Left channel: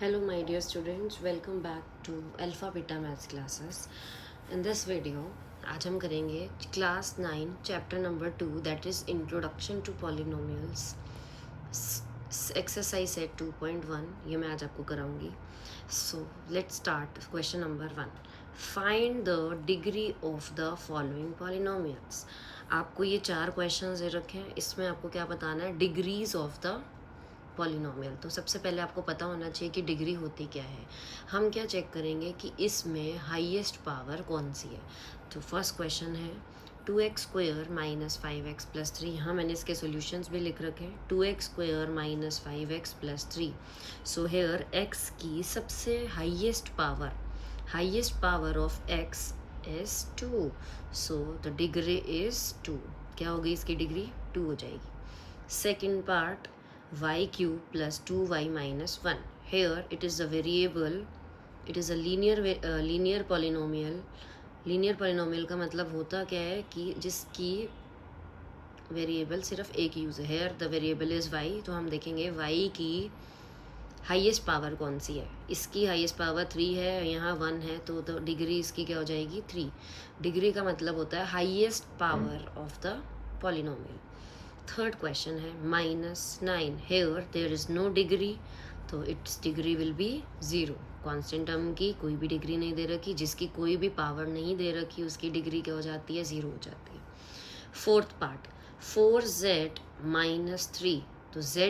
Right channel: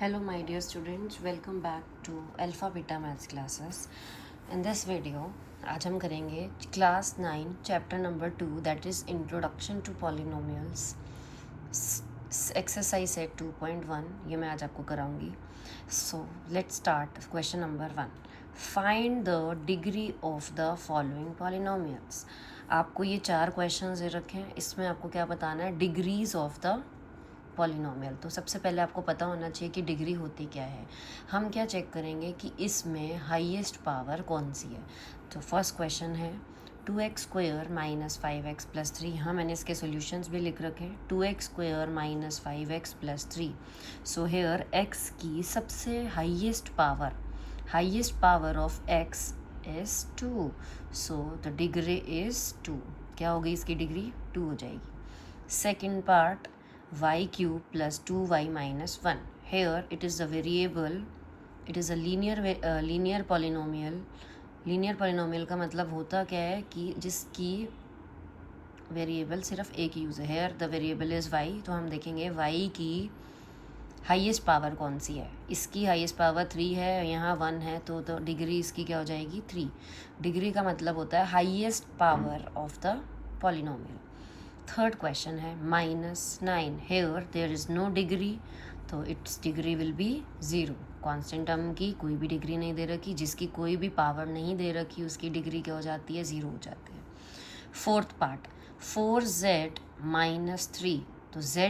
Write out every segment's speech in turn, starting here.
Hello my dear students, welcome back to Alpha Beta Maths classes. In this video आज हम करेंगे class 9 chapter number 2 that is introduction to polynomials exercise set 2.1 ये मैं आज आपको कराऊंगी. So let's start question number 1. Find the degree of the following polynomials. आपको ये 4 क्वेश्चन दे रखे हैं, इसमें आपको क्या बताना है, डिग्रीज ऑफ द पॉलिनोमियल. तो सबसे पहले आपको पता होना चाहिए कि डिग्री होती क्या है. हम क्या चेक करेंगे कि इसमें हाईएस्ट पावर कौन सी है. तो फर्स्ट क्वेश्चन है 2x² माइनस 5x प्लस 3. हाँ, मैंने इसके सॉल्यूशंस भी लिख रखे हैं. 2x² minus 5x plus 3. So here x की सबसे highest power of x is 2. So the degree is 2. क्या होगी इसकी डिग्री? 2 हो जाएगी. Second part y cube plus 2y minus 1. Here it is a variable, it is a linear polynomial. Linear polynomial का मतलब होता क्या है कि जिसकी वेरिएबल सिर्फ एक यूज़ है. Here the variable is y. तो हम देखेंगे y की हाईएस्ट पावर कौन सी है. इसकी हाईएस्ट पावर 3 है, यहाँ 1 है, तो डिग्री इसकी क्या हो जाएगी? 3. डिग्री का मतलब होता है highest power of the polynomial. Third question है -9. Here there is no degree, तो it's degree will be 0. Constant term की कोई भी डिग्री नहीं दे रखी, जिसकी कोई भी पावर नहीं दे रखी उसकी डिग्री क्या हो जाती है? 0 हो जाती है. Fourth part 4z minus 3. तो z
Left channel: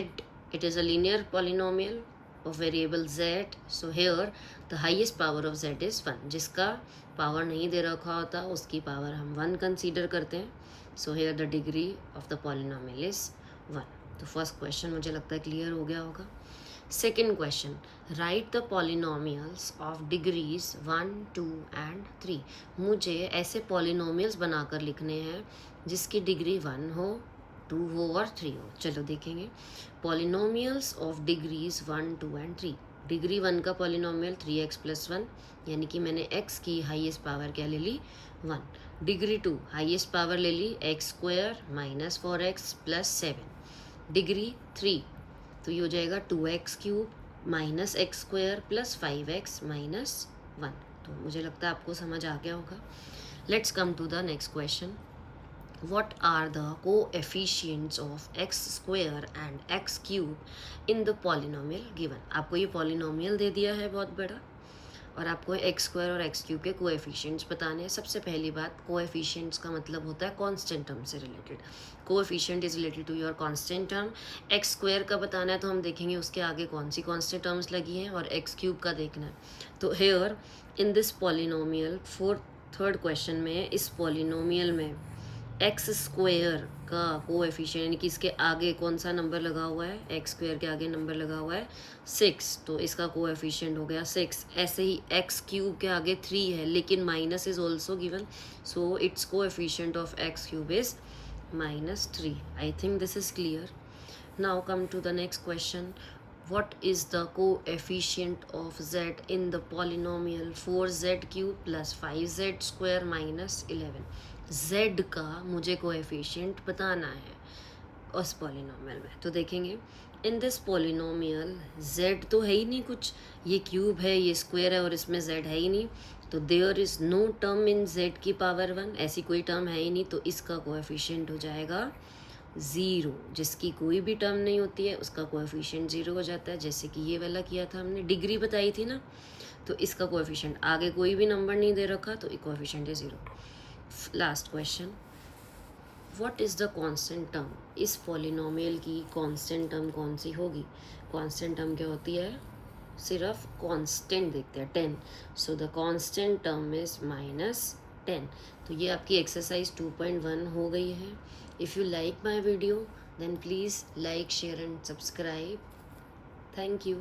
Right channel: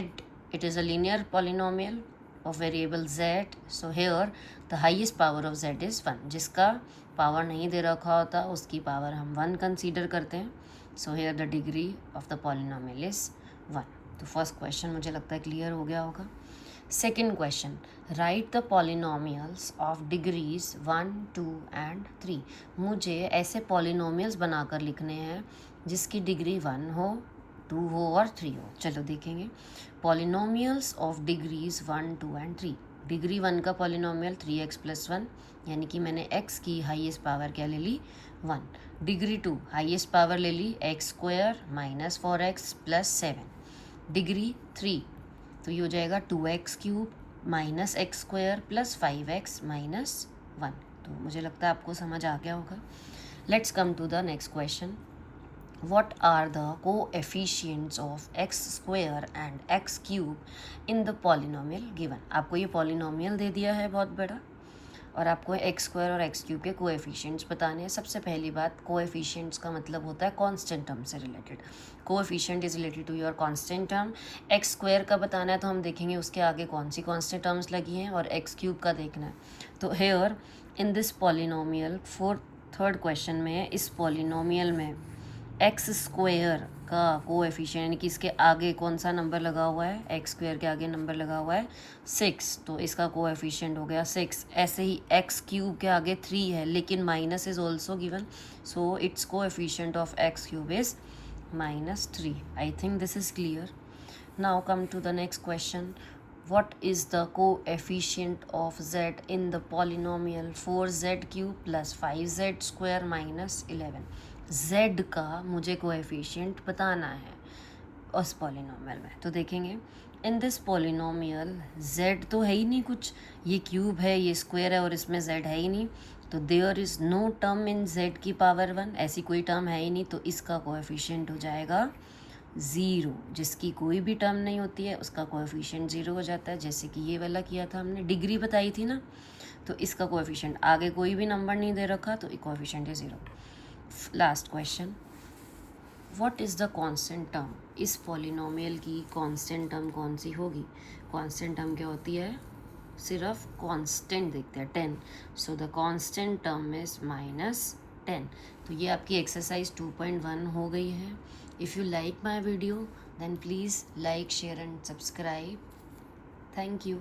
it is a linear polynomial of variable z. So here the highest power of z is 1. जिसका पावर नहीं दे रखा होता उसकी पावर हम 1 कंसीडर करते हैं. So here the degree of the polynomial is 1. तो फर्स्ट क्वेश्चन मुझे लगता है क्लियर हो गया होगा. Second question, right the polynomials of degrees 1, 2 and 3. मुझे ऐसे पॉलिनोमियल्स बनाकर लिखने हैं जिसकी डिग्री 1 हो, 2 हो और 3 हो. चलो देखेंगे. Polynomials of degrees 1, 2 and 3. Degree 1 का पॉलिनोमियल 3x प्लस 1, यानी कि मैंने x की हाईएस्ट पावर क्या ले ली? 1. डिग्री 2 हाईएस्ट पावर ले ली x² minus 4x plus 7. Degree 3 तो ये हो जाएगा 2x³ minus x² plus 5x minus 1. तो मुझे लगता है आपको समझ आ गया होगा. Let's come to the next question. What are the coefficients of x² and x³ in the polynomial given? आपको ये पॉलिनोमियल दे दिया है बहुत बड़ा और आपको x² और x³ के कोएफिशिएंट्स बताने हैं. सबसे पहली बात, कोएफिशिएंट्स का मतलब होता है कांस्टेंट टर्म से related. Coefficient is related to your constant term. x² का बताना है तो हम देखेंगे उसके आगे कौन सी कांस्टेंट टर्म्स लगी हैं, और x³ का देखना है. तो here in this polynomial third question में इस पॉलिनोमियल में x² का कोएफिशिएंट यानी कि इसके आगे कौन सा नंबर लगा हुआ है? x² के आगे नंबर लगा हुआ है 6, तो इसका कोएफिशिएंट हो गया 6. ऐसे ही x³ के आगे 3 है लेकिन minus is also given, so its coefficient of x³ is -3. I think this is clear. Now come to the next question. What is the coefficient of z in the polynomial 4z³ plus 5z² minus 11? z का मुझे coefficient बताना है उस polynomial में. तो देखेंगे in this polynomial z तो है ही नहीं कुछ, ये क्यूब है, ये स्क्वायर है और इसमें z है ही नहीं. तो there is no term in z की पावर 1, ऐसी कोई टर्म है ही नहीं. तो इसका कोएफिशिएंट हो जाएगा 0. जिसकी कोई भी टर्म नहीं होती है उसका कोएफिशिएंट 0 हो जाता है, जैसे कि ये वाला किया था हमने, डिग्री बताई थी ना. तो इसका कोएफिशिएंट आगे कोई भी नंबर नहीं दे रखा तो कोएफिशिएंट है 0. Last question, what is the constant term? इस पॉलिनोमियल की कांस्टेंट टर्म कौन सी होगी? कांस्टेंट टर्म क्या होती है? सिर्फ कांस्टेंट देखते हैं 10. So the constant term is -10. तो ये आपकी एक्सरसाइज 2.1 हो गई है. If you like my video then please like, share and subscribe. Thank you.